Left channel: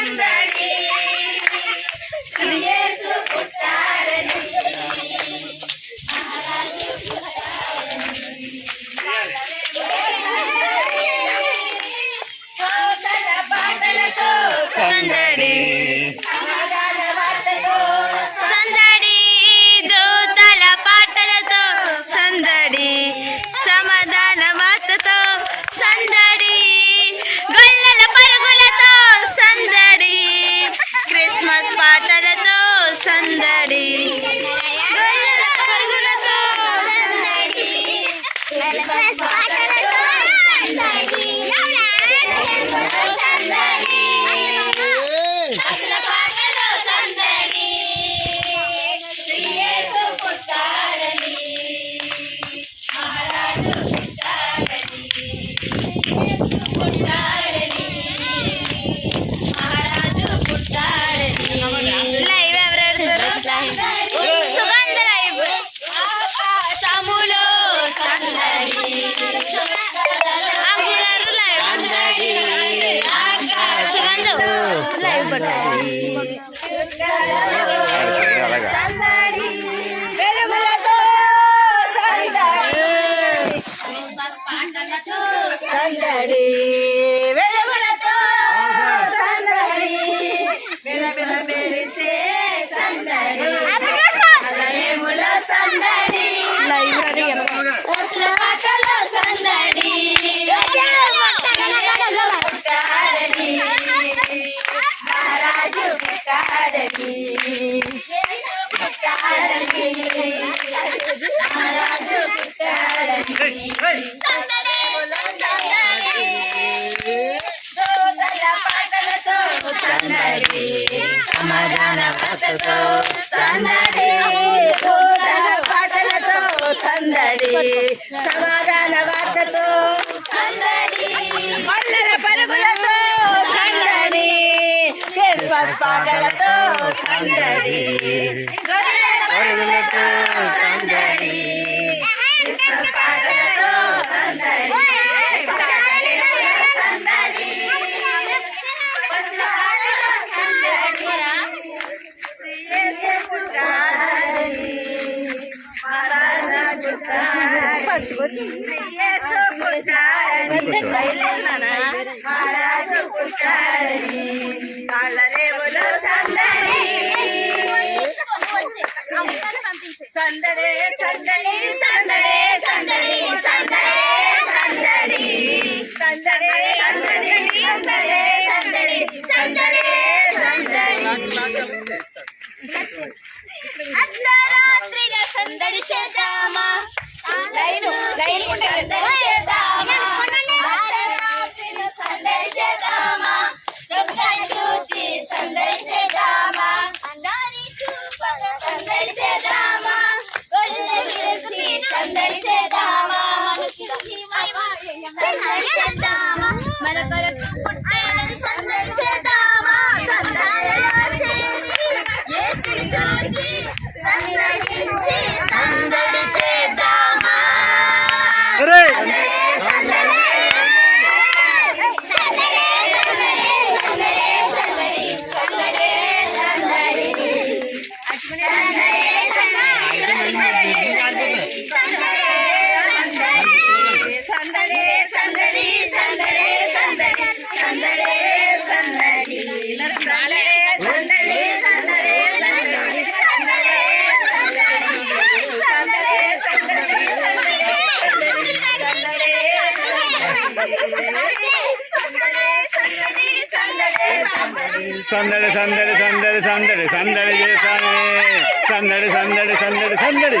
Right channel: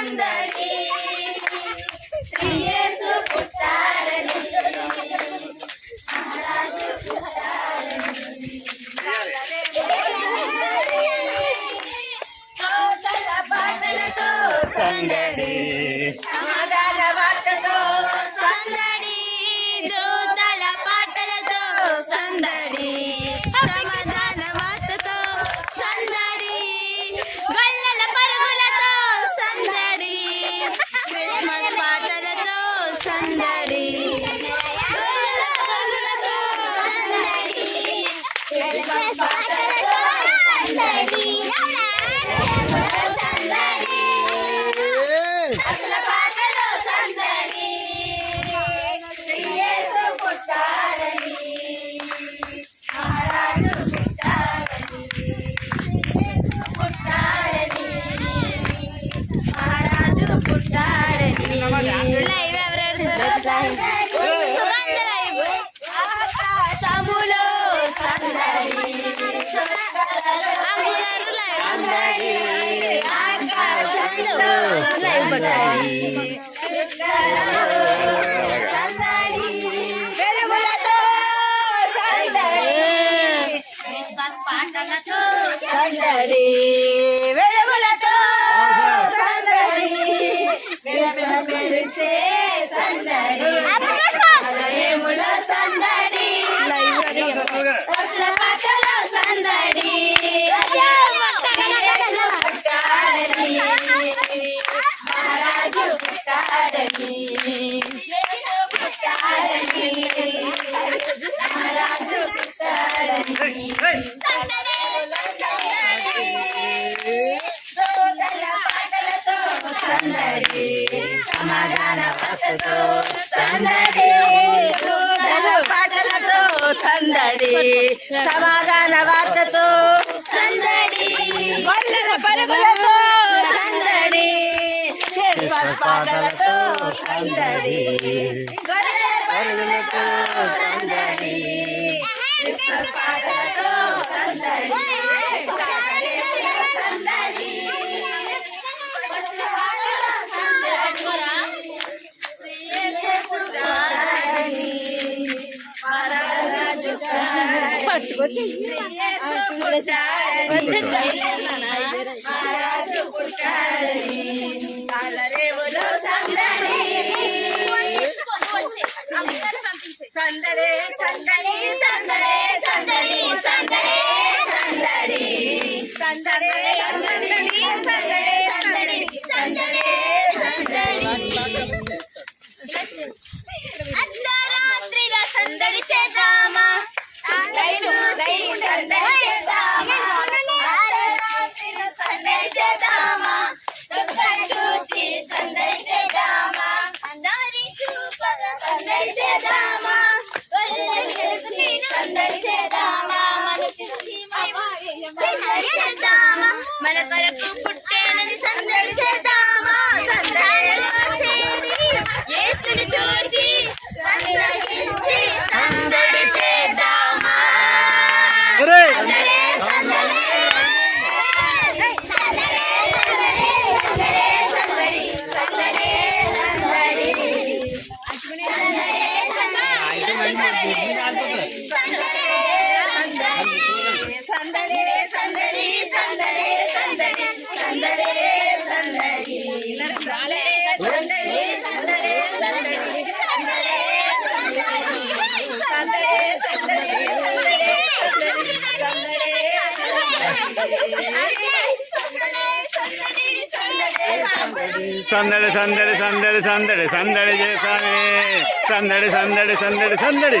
i'm ya. सौंदरी గొర్రెలతో సందడి Christmas పాటలతో సందడి సందడి పుట్టాడని మహారాజు పుట్టాడని అలా సందడే సందడి సందడే సందడి సందడే సందడి. సందడే సందడి సందడే సందడి సందడే సందడి. சந்தடி சந்தடி சந்தடி சந்தடி சந்தடி சந்தடி சந்தடி சந்தடி சந்தடி சந்தடி சந்தடி சந்தடி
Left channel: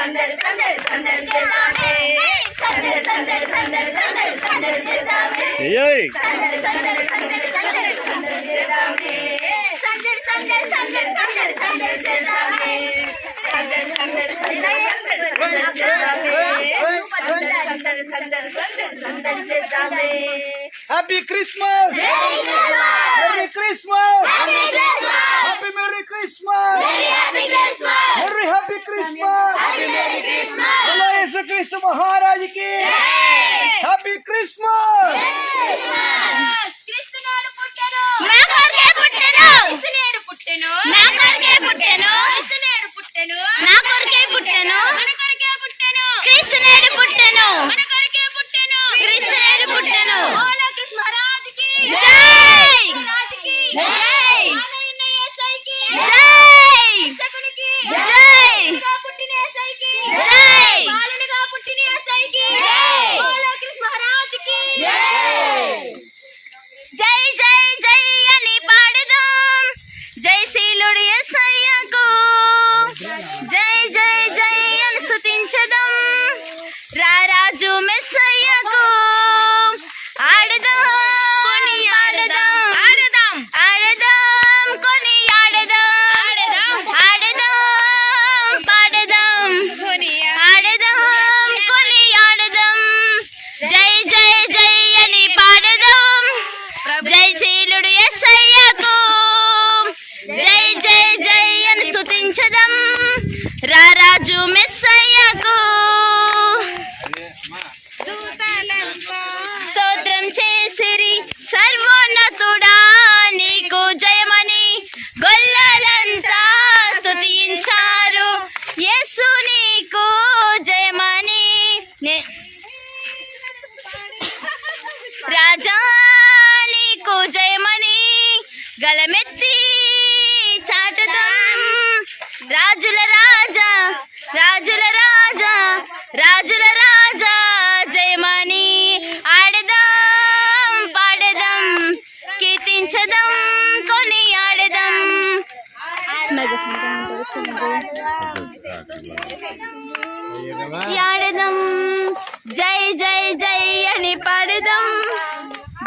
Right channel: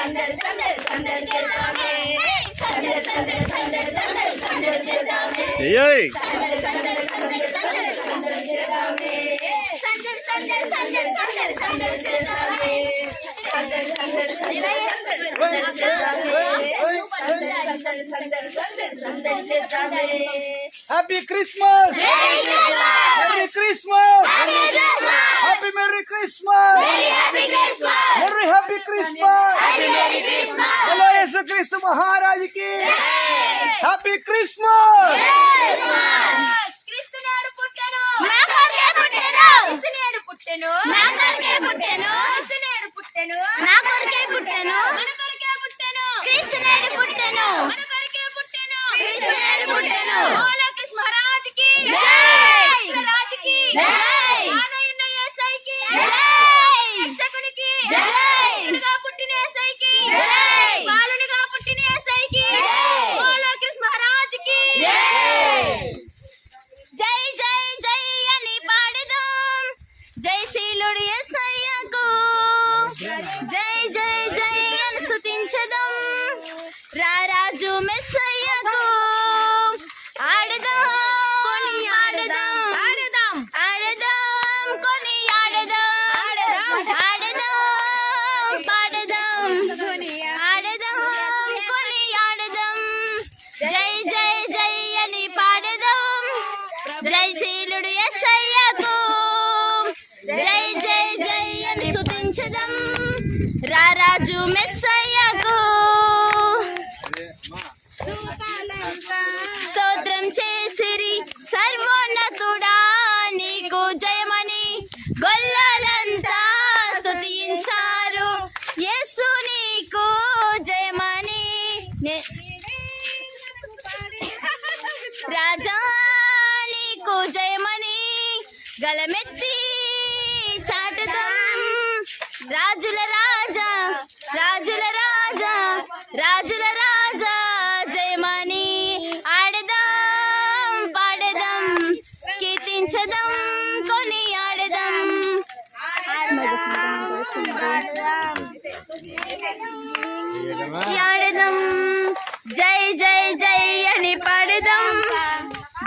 సందడి సందడి సందడి చేద్దామే సందడి సందడి సందడి సందడి సందడి చేద్దామే సందడి సందడి సందడి సందడి సందడి చేద్దామే సందడి సందడి సందడి సందడి సందడి చేద్దామే సందడి సందడి సందడి సందడి సందడి సందడి సందడి చేద్దామే happy Christmas merry Christmas happy merry Christmas happy Christmas merry happy Christmas merry Christmas hello యేసుక్రీస్తు మహారాజుకి హ్యాపీ క్రిస్మస్ క్రీస్తునాడు పుట్టెను నా కొరకే పుట్టెను క్రీస్తునేడు పుట్టెను నా కొరకే పుట్టెను. క్రీస్తునేడు పుట్టెను. నా కొరకే పుట్టెను. మన కొరకే పుట్టెను క్రీస్తు నేడు పుట్టెను మన కొరకే పుట్టెను.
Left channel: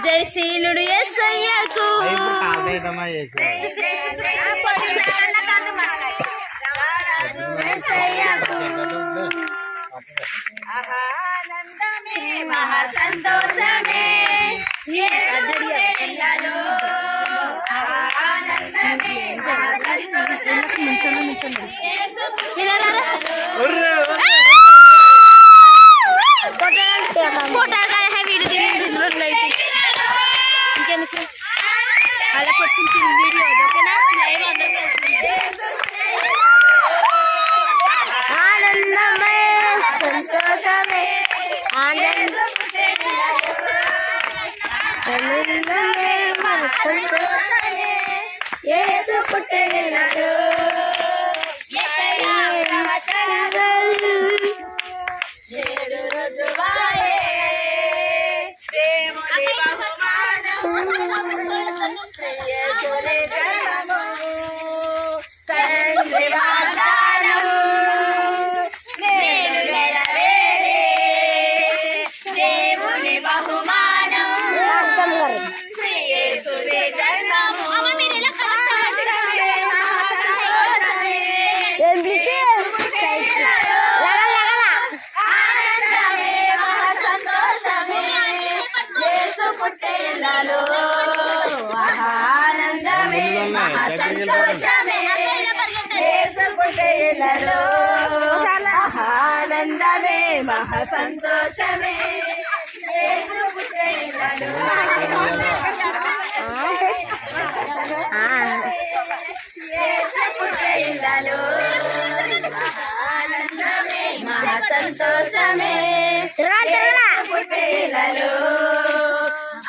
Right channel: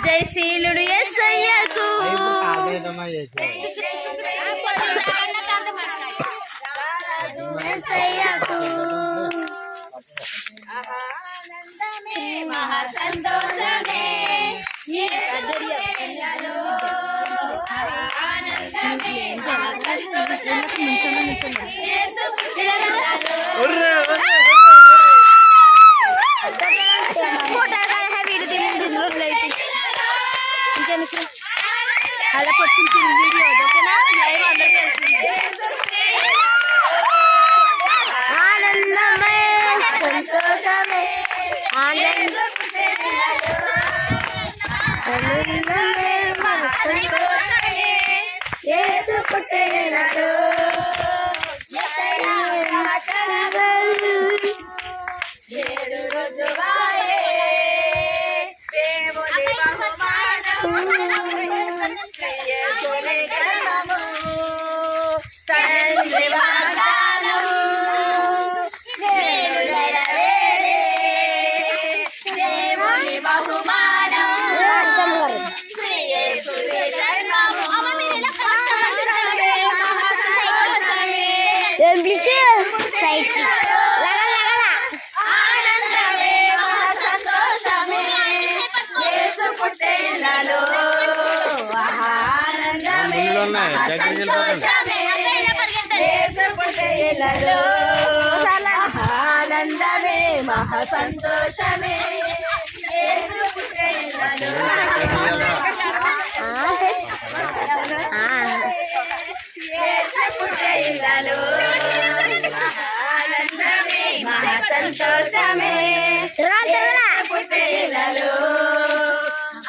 జై శీలుడు ఎస్ఐయకు ఆనందమే మహా సంతోషమే. ఆనందమే మహా సంతోషమే యేసు పుట్టెను. ఫోటోలు హై వీడియో ఇందులో లైట్ ఇంకెందుకు అలా పట్టుకుంటుంది వీడియో ఓకేనా? లైవ్ ఆనందమే సంతోషమే ఆనంద ఆనందమే మన సంతోషమే. యేసు పుట్టిననాడు Bonito. ఆనందమే మహా సంతోషమే ఆనందమే మహా సంతోషమే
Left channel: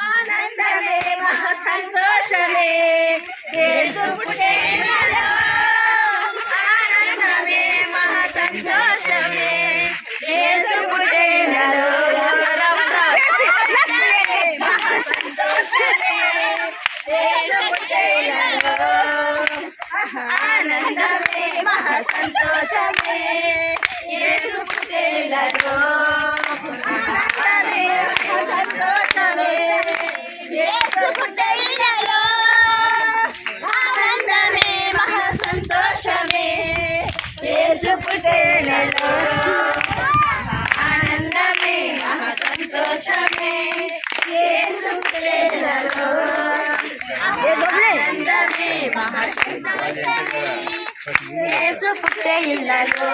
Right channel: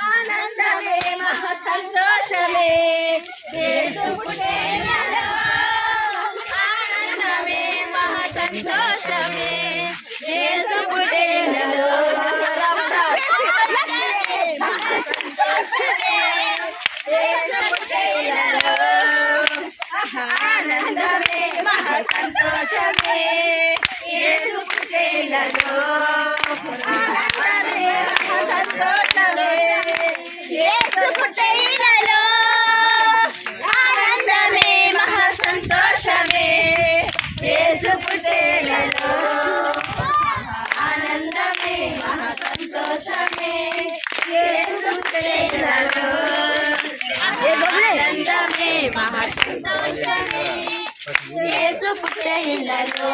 ఆనందమే మహా సంతోషమే ఆనందమే మహా సంతోషమే యేసు పుట్టినలో ఆనందమే మహా సంతోషమే యేసు పుట్టినలో మహా సంతోషమే యేసు పుట్టినలో ఆనందమే మహా సంతోషమే యేసు యేసు పుట్టెలలో ఆనందమే మహా సంతోషమే యేసు పుట్టెలలో ఆనందమే మహా సంతోషమే యేసు పుట్టే ఇళ్ళలో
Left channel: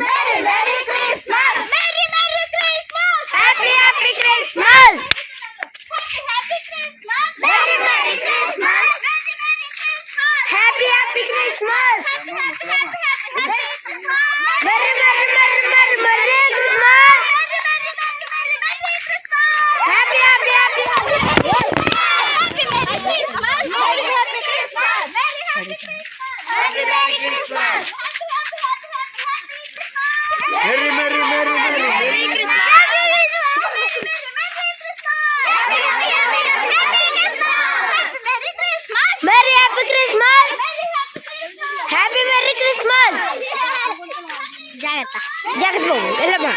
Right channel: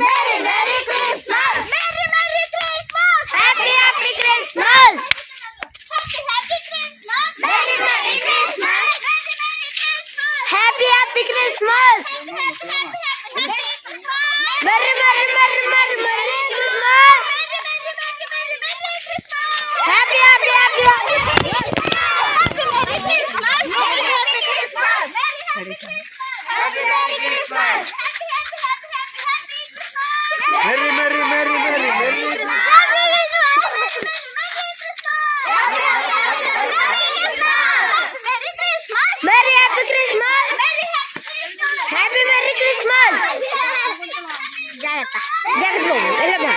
merry merry Christmas merry merry Christmas happy happy Christmas Christmas merry merry Christmas happy happy Christmas happy happy happy Christmas merry merry merry merry merry Christmas happy happy happy merry merry merry merry merry happy Christmas happy merry Christmas జాగ్రత్త జాగ్రత్త వెళ్ళమ్మా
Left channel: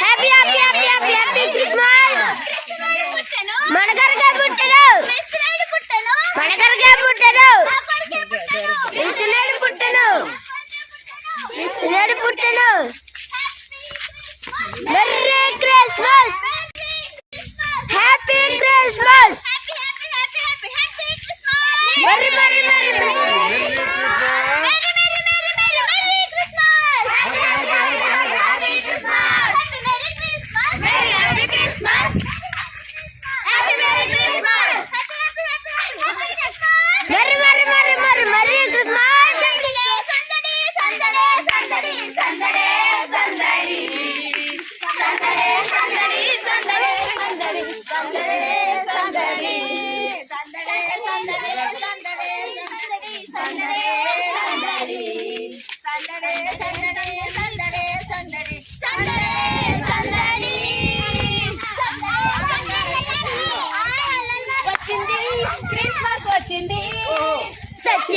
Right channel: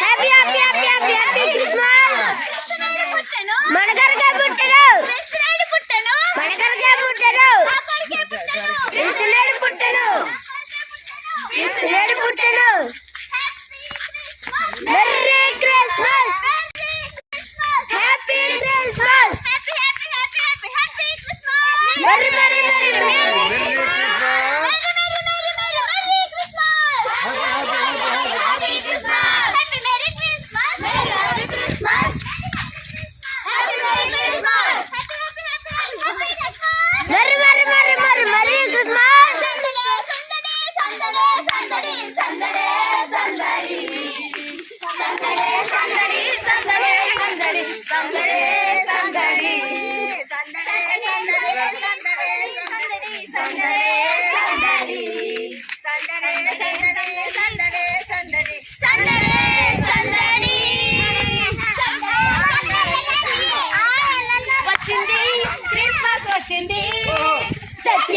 happy happy happy happy happy Christmas మనకరగా పుట్టడు మనకరగా పుట్టడు ఇస్తున్నాడు పుట్టను ఇస్తున్నాడు పుట్టను merry Christmas happy Christmas merry merry merry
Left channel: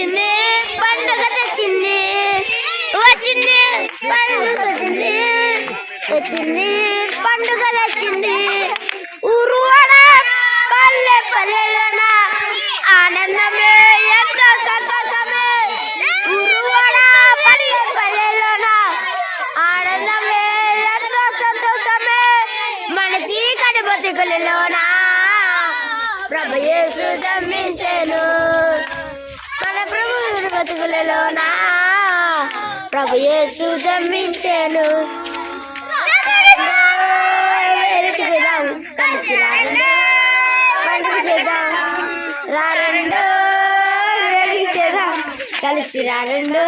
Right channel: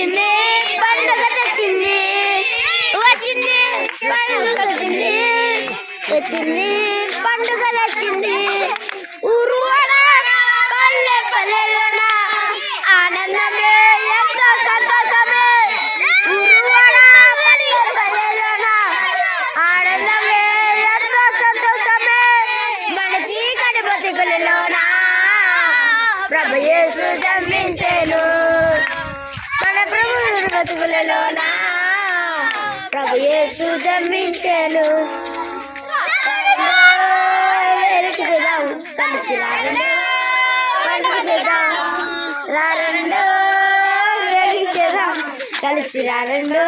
వచ్చింది పండుగ తెచ్చింది వచ్చింది పండుగ వచ్చింది తెచ్చింది పండుగ తెచ్చింది ఊరు పల్లె పల్లెలోన ఆనందమే ఎంతో సంతోషమే. ఊరు పల్లె పల్లెలోన ఆనందమే ఎంతో సంతోషమే. మన చీకటి బతుకులలోన ప్రభు యేసు బ్రతుకులలోనా? ప్రభు యేసు జన్మించాను. చేద్దాం. కలిసి రారండో పండుగదాం రారండో చేద్దాం. కలిసి రారండో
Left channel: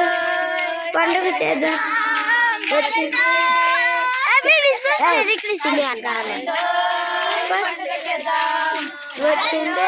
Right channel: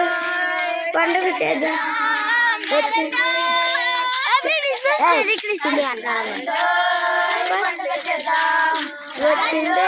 పండుగ చేద్దాం. వచ్చింది వచ్చిందో